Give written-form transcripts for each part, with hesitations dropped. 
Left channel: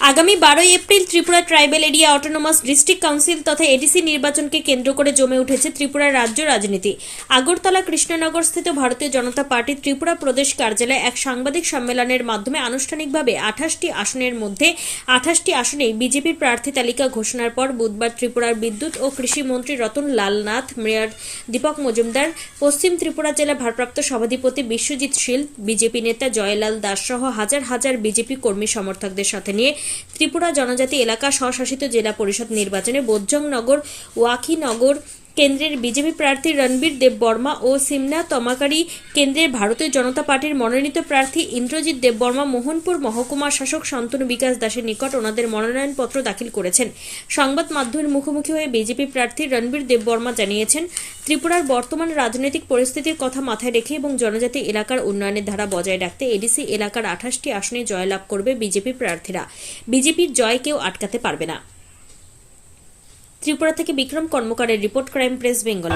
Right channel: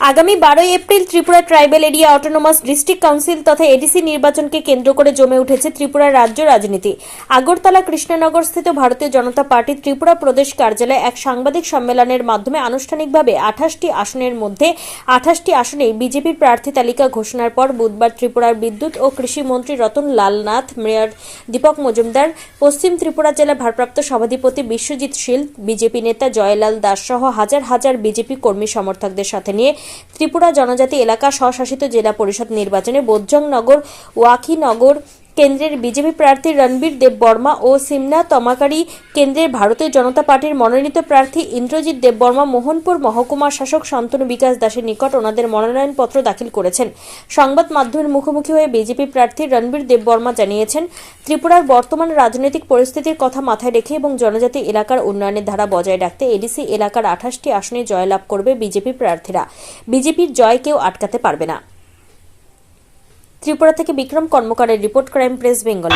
আগামী 12 April Tripura tribal area autonomous district council তথা ADC নির্বাচনকে কেন্দ্র করে জমে উঠেছে ত্রিপুরার রাজ্য রাজনীতি। আগরতলা কৃষ্ণনগর স্থিত ভারতীয় জনতা পার্টি ত্রিপুরা প্রদেশ কার্যালয়ে এক সাংবাদিক সম্মেলনের মাধ্যমে আনুষ্ঠানিকভাবে 28টি আসনের মধ্যে 28টি আসনে বিজেপির প্রার্থী তালিকা ঘোষণার পর বুধবার ত্রিপুরার বিদ্যুৎ ও কৃষি মন্ত্রী রতন লাল নাথ, মেয়র দীপক মজুমদার, পশ্চিম ত্রিপুরা জেলা ভারপ্রাপ্ত সভাধিপতি বিশ্বজিৎ শীল, বিজেপি নেতা জয়লাল দাস সহ হাজার হাজার বিজেপি কর্মী সমর্থকদের সাথে নিয়ে ত্রিপুরা জনজাতি এলাকা স্বশাসিত জেলা পরিষদ নির্বাচনে বোজ্জংনগর ওয়াকিনগর কেন্দ্রের বিজেপি প্রার্থী রণবীর দেববর্মা ও সিমনা তমাকারি কেন্দ্রের ভারতীয় জনতা পার্টির মনোনীত প্রার্থী ইন্দ্রজিৎ দেববর্মা মোহনপুর মহকুমা শাসক শান্তনু বিকাশ দাসের নিকট ওনাদের মনোনয়নপত্র দাখিল করেছেন। সংবাদ মাধ্যমের মুখোমুখি হয়ে বিজেপি প্রার্থী রণবীর দেববর্মা জানিয়েছেন, ত্রিপুরার বর্তমান রাজনৈতিক পরিস্থিতির কথা মাথায় রেখে এবং জনজাতি এলাকার উন্নয়নের ধারা বজায় রাখতে এডিসি এলাকার 28টি আসনে জয়লাভ করবে বিজেপি প্রার্থীরা। বিজেপির জয় কেউ আটকাতে পারবে না। ত্রিপুরা থেকে বিক্রম কর্মকারের report, crime press Bengal.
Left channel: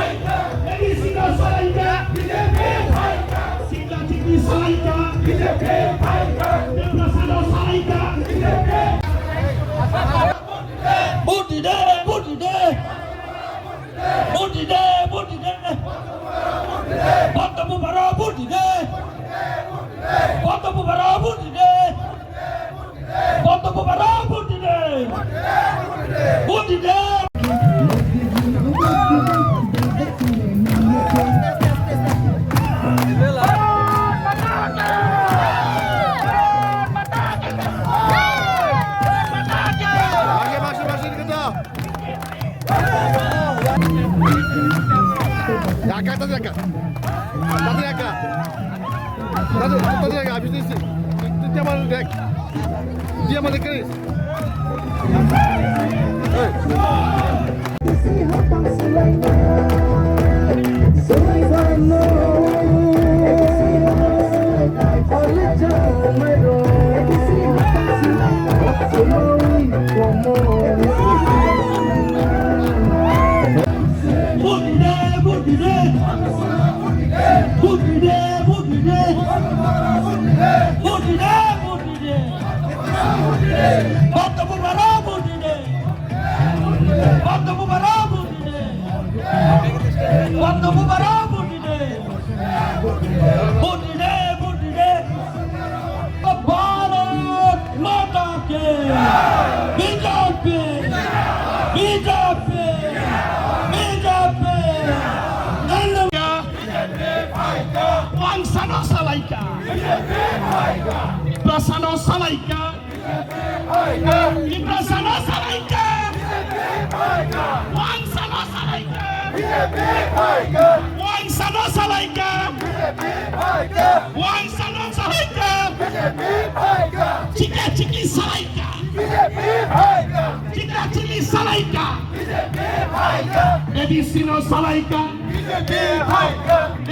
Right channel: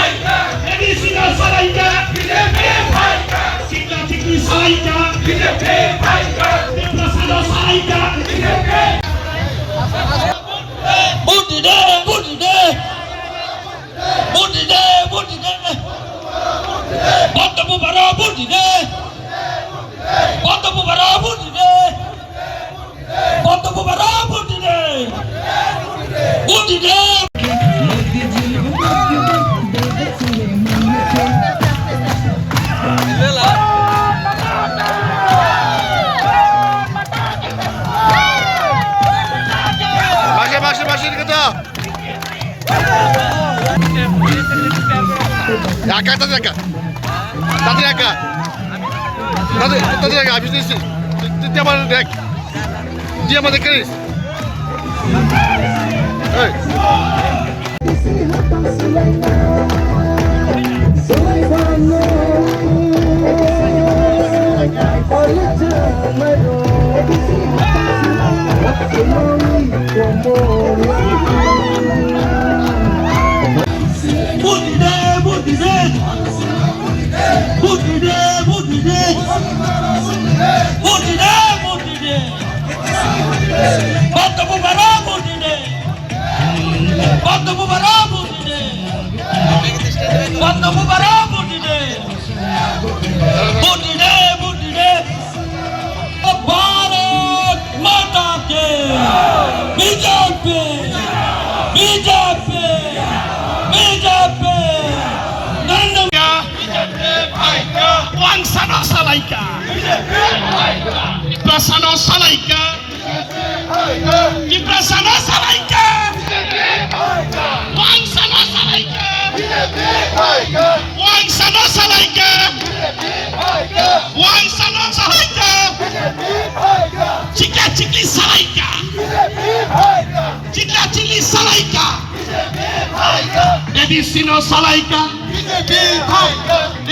Edicino Salaika,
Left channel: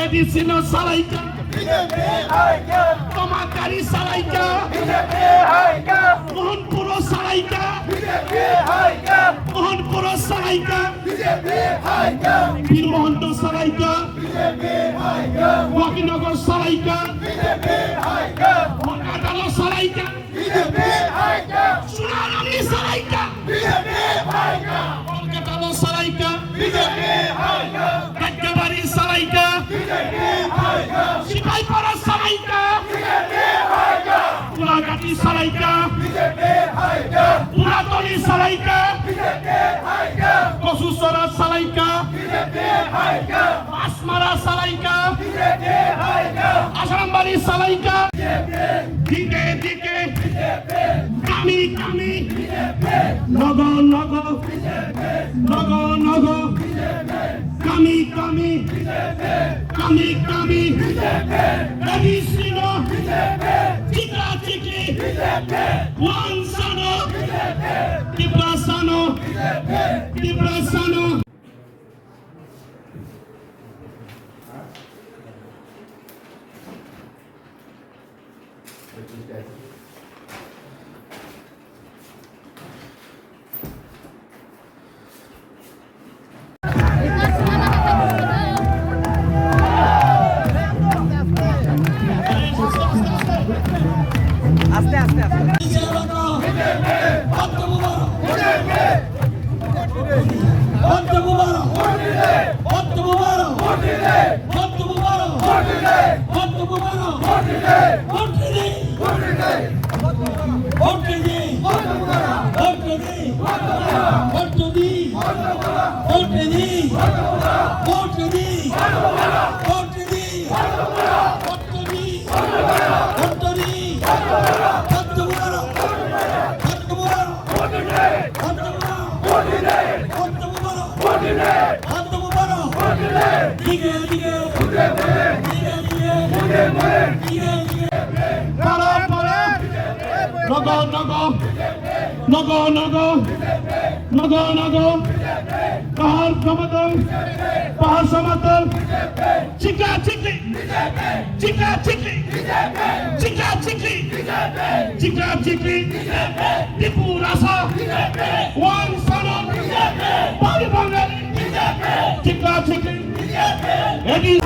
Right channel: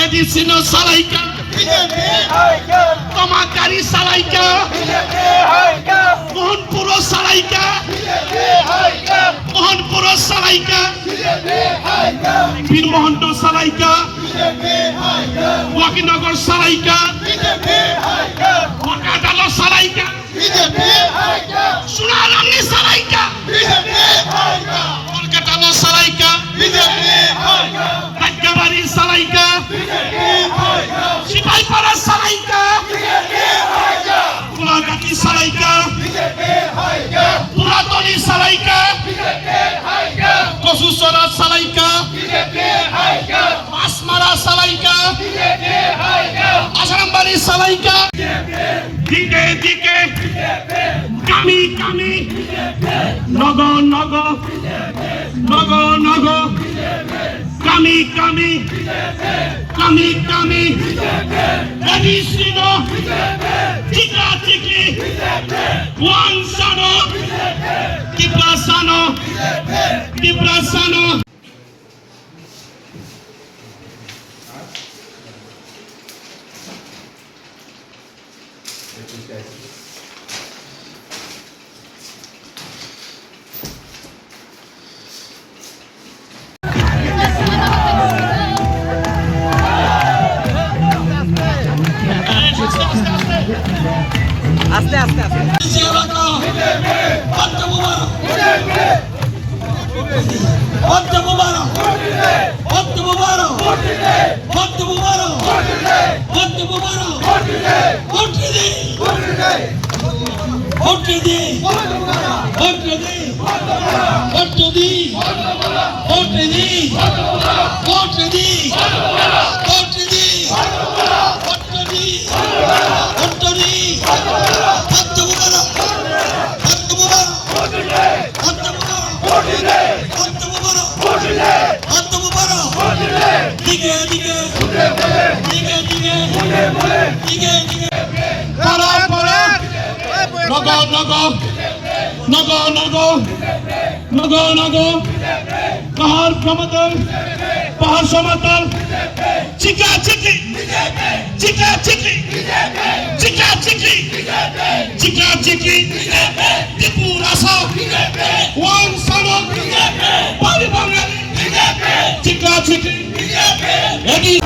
Edicino Salaika, Tomakari Salaika, Mohanpuro Salaika, Mohanpuro Salaika, Bir Mohanto Salaika, Wakinagor Salaika, Wakadalo Salaika, Sunaramni Salaika, Kolkatalo Salaika, Kakkabari Salaika, Sipaipara Salaika, Kulagati Salaika, Puratoni Salaika, Kosusora Salaika, Masmara Salaika, Asarambari Salaika, Dike Dike, Kami Kami, Nogo Nogo, Nogo Nogo, Kami Kami, Kami Kami, Edicino, Chika Chiki, Wansano, Kiprasano, Kiprasano. আস্তে আস্তে আস্তে পাহাড় সমতল, পাহাড় সমতল, চিকা চিকি, চিকা চিকি, চিকা চিকি, চিকা চিকি, ত্রিপুরা সব, ওয়ান সনদ, পারি বাঙালি, চিকা চিকি, এগিয়ে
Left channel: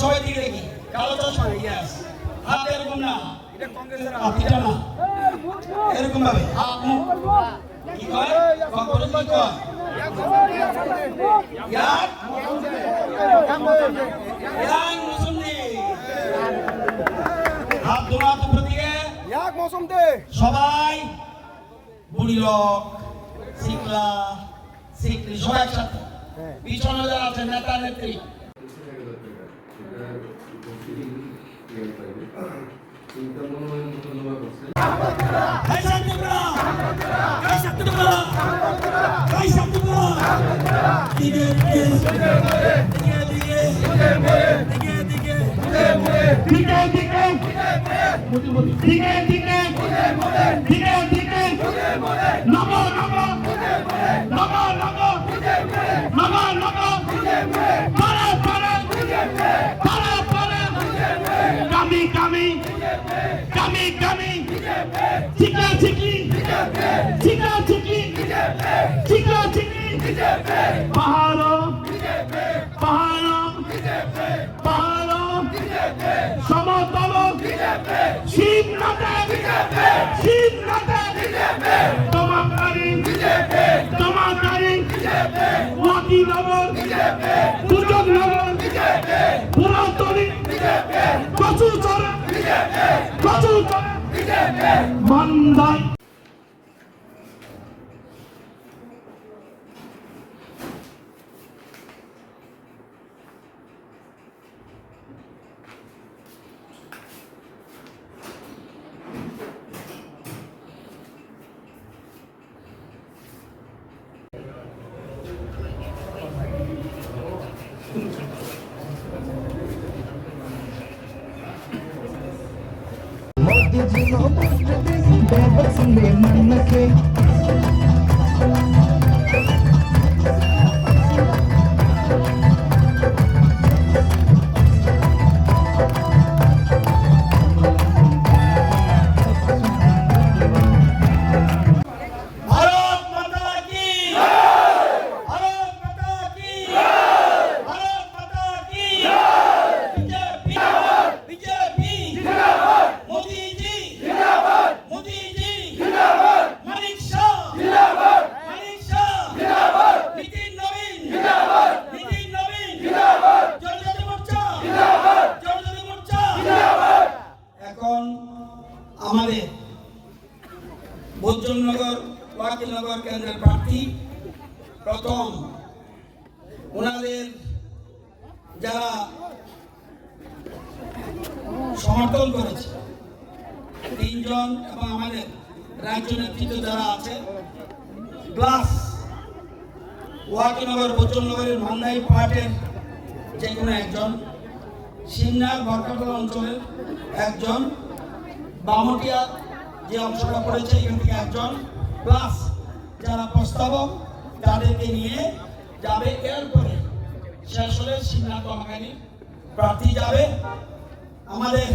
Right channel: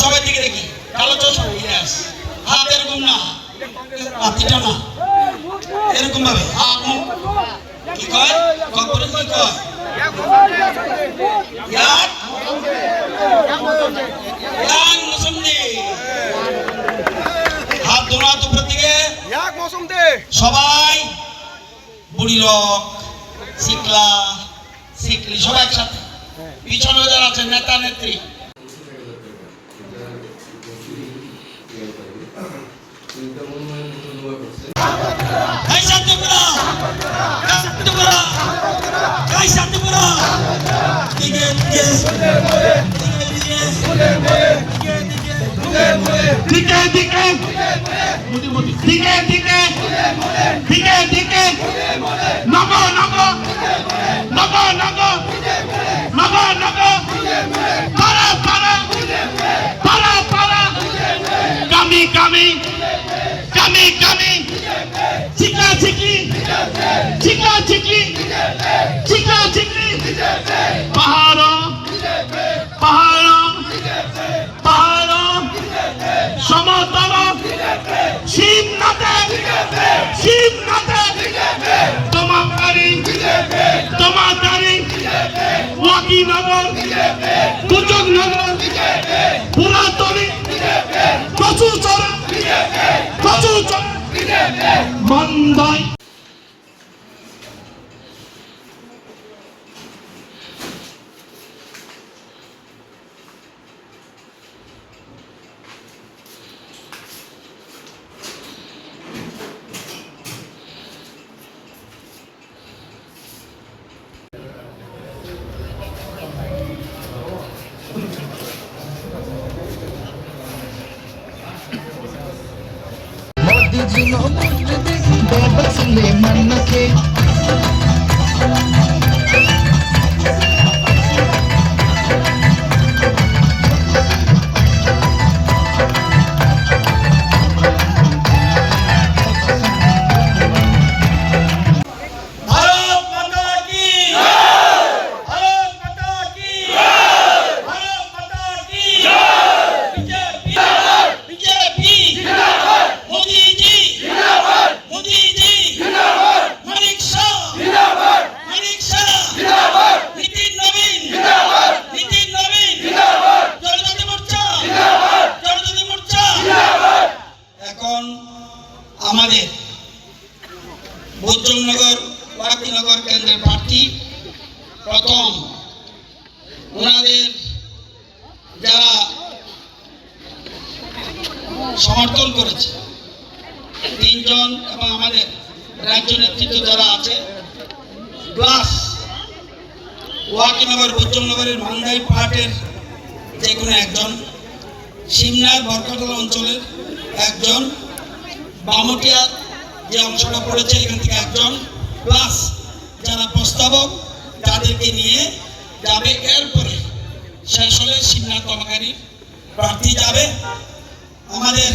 সবাই দিকে দেখি কালো চশমা হাত এরকম না হাতিটা না এরকম ভাবে কি কয় খবরে কি কয় হাত দোনা দুপুর দিকে সবাই বুড়ি লোক শিকলা শিকলি সবাই একসাথে পিছনে যারা আছেন নেতা নেত্রী চিকা চিকি চিকা চিকি চিকা চিকি পাহাড় পাহাড় পাহাড় সমতল শিবনাথে তোমাকারী ওয়াকিনগর দুর্যোগনগর পুরাতনী কচুচরা মন্দাই আমাদের বৈদ্যনগর ওয়াকিনগর কেন্দ্রের প্রার্থী প্রথম ওনাদের সমর্থন করেছে। 3 জন এবং আমাদের রাজ্য নেতৃত্ব যারা আছে প্লাস ওয়াকিনগর বৈদ্যনগরের মান্দাই পাহাড়ের যে কোনো একজন, সিমনার বরকাতলা অঞ্চলের একজন, বামটিয়া যে অংশটা পড়েছে এখান থেকে একজন, প্লাস যারা প্রস্তাবক তাদেরকে নিয়ে যাবে। এরপরে শেষ হলে সিমনা কর্মকারী প্রার্থী যাবে। আমাদের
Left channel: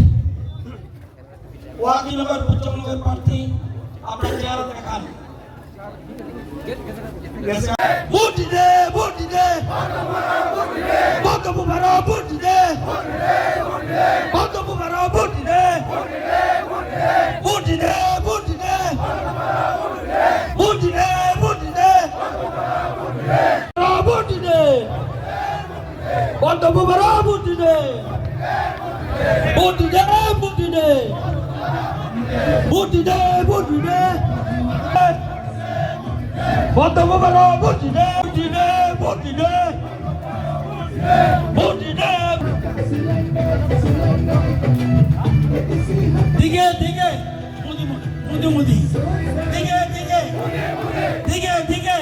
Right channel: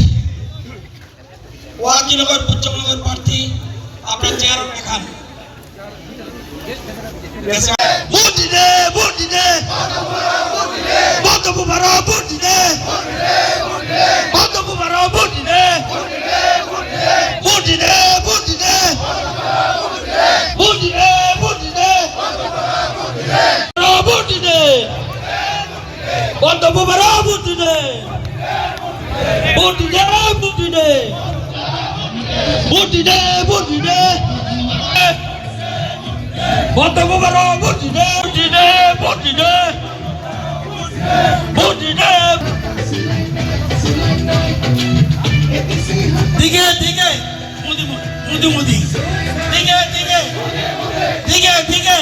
ওয়াকিনগর বৈদ্যনগর প্রার্থী আপনার চেয়ার দেখান। ভোট দিতে ভোট দিতে বক্তব্য ভাড়া ভোট দিতে বক্তব্য ভাড়া ভোট দিতে ভোট দিতে ভোট দিতে ভোট দিতে ভোট দিতে ভোট দিতে বক্তব্য ভাড়া ভোট দিতে ভোট দিতে ভোট দিতে ভোট দিতে ভোট দিতে বক্তব্য ভাড়া ভোট দিতে ভোট দিতে ভোট দিতে দিকে দিকে মুদি মুদি মুদি দিকে দিকে দিকে দিকে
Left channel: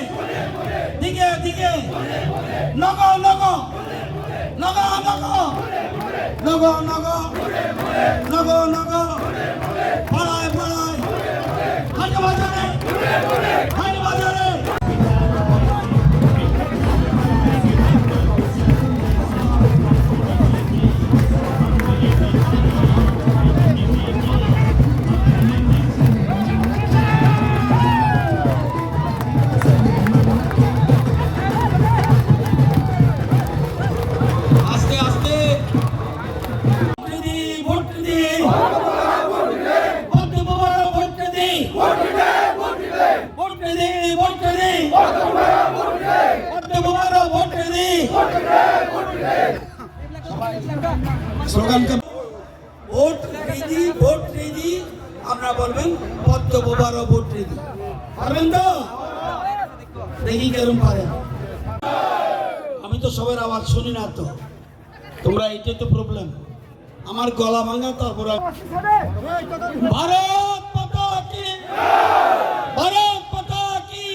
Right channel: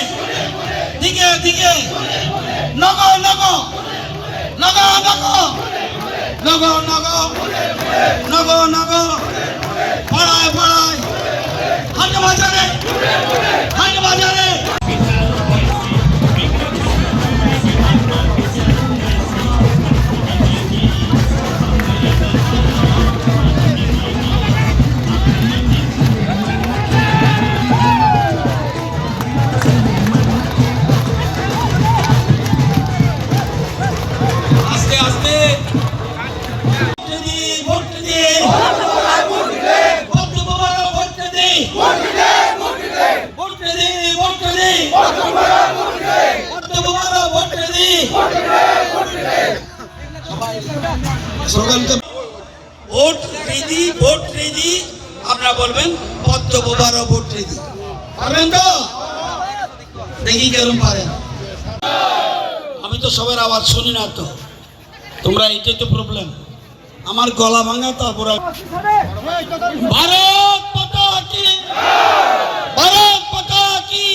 দিকে দিকে নগ নগ নগ নগ নগ নগ নগ নগ পাড়ায় পাড়ায় হাট বাজারে হাট বাজারে ভোট রেডি ভোট রেডি আপনারা বলবেন পদ্মবারও ভোট রেডি পারবেন তো? দেখি কেরম পারেন। আমি তো সবার আওয়াজ শুনি না, তো তোমরা এটাই তো প্রবলেম, আমার গলা ভাঙা। তারপরে ভারত মাতা কি, ভারত মাতা কি।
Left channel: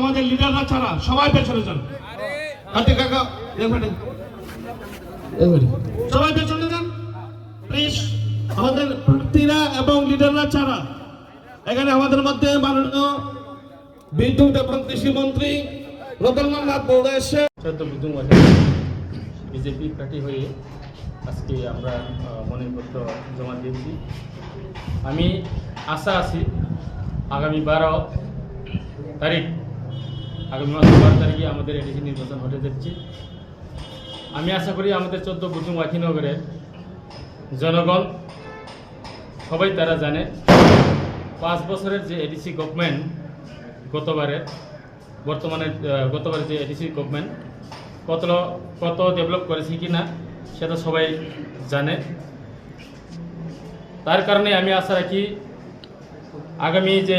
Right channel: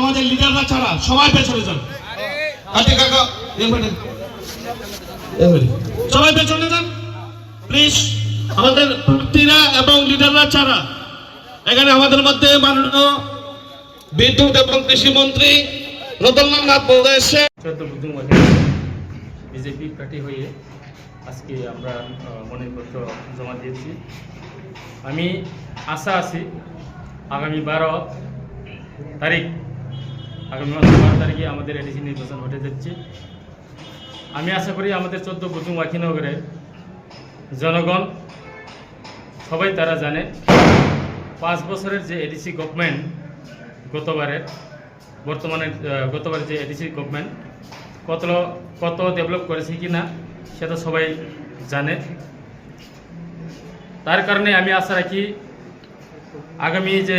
আমাদের লিডাররা ছাড়া সবাই পেছনে যান। কাটে কাকা সবাই পেছনে যান প্লিজ। আমাদের প্রার্থীরা এবং লিডাররা ছাড়া এখানে আমাদের মধ্যে মাননীয় বিদ্যুৎ এবং কৃষি মন্ত্রী রতনলাল নাথ মহোদয় এসে 14 বুধুং বিজেপি প্রার্থী হয়ে আজকে আমরা মনোনয়নপত্র জমা দিয়েছি। আমি আশা আছি আগামী 12 তারিখ, আগামী মাসের 12 তারিখে আমাদের এডিসি নির্বাচন হতে যাচ্ছে। আমি আশা করি আমাদের 14 বুধুং ওয়াকিনগরের জনগণ সবাই তারা জানে 5 বছরের যে এডিসি গভর্নমেন্ট গতবারের যে এডিসি গভর্নমেন্ট কত ডেভেলপ করেছে কি না সেটা সবাই জানে। তার কারণে আমি আশা রাখি আগামী যে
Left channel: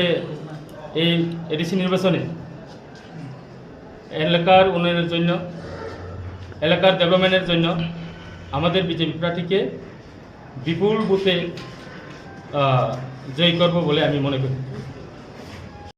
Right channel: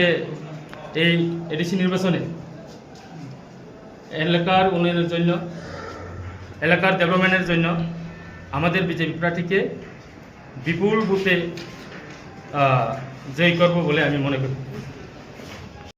এই এডিসি নির্বাচনে এলাকার উন্নয়নের জন্য, এলাকার ডেভেলপমেন্টের জন্য আমাদের বিজেপি প্রার্থীকে বিপুল বুথে জয়ী করব বলে আমি মনে করি।